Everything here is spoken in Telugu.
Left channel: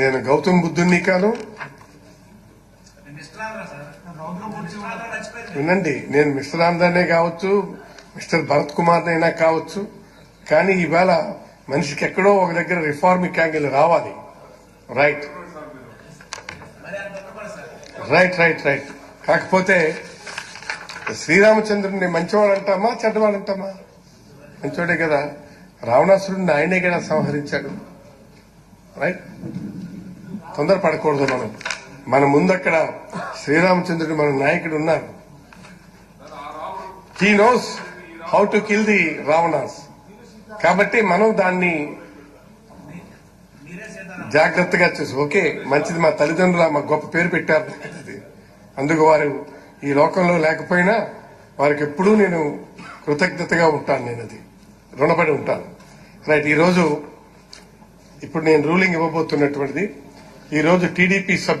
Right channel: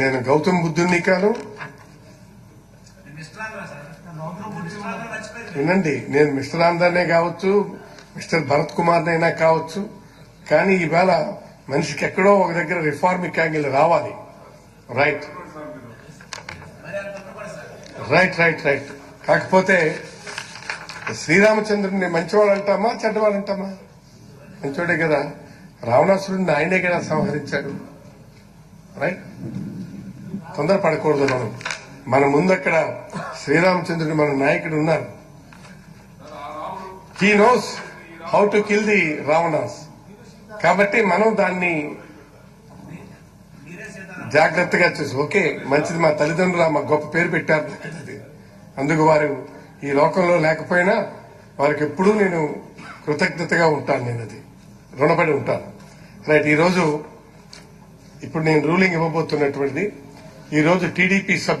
నేను గౌతమ్ బుద్ధుడిని కాను. వినండి, నేను మిస్టర్ ఆంధ్రానే కావచ్చు, మిస్టర్ భరత్ కుమార్ అయినా కావచ్చు, కానీ ఈవేళ మనిషికి ఎక్కడో ఒక దగ్గర రిఫార్మిక్ యాంగిల్ రావాలి. రైట్ రైట్ రైట్ రైట్ కాకపోతే శ్రీరామచంద్రుడిని మంచివాడు అంటామా చెడ్డవాడు అంటామా? మంచివాడే కదా. రావణాసురుడిని ఆయనే కదా సంహరించాడు. రైట్, తొందరపడకూడదు. మన ముందు అక్కడ శ్రీరామచంద్రుడు మన నాయకుడు ఉన్నారు. He knows how to kill the Ravana's. కాబట్టి మనం దాన్ని జాగ్రత్తగా చూసి ఓకే మంచిది, మా తల్లిదండ్రులు మా గొప్ప పేరు పెట్టారు, అందుకు వారు ఈ లోకంలో లేకపోయినా వారికి ఎప్పుడూ నేను కృతజ్ఞతగా ఉంటాను. నేను అది రుణపడి ఉంటాను. రైట్, ఈరోజు ఇప్పుడు నేను రూలింగ్ ఇవ్వబోతున్నటువంటిది, ఈరోజు టీడీపీ సభ్యులు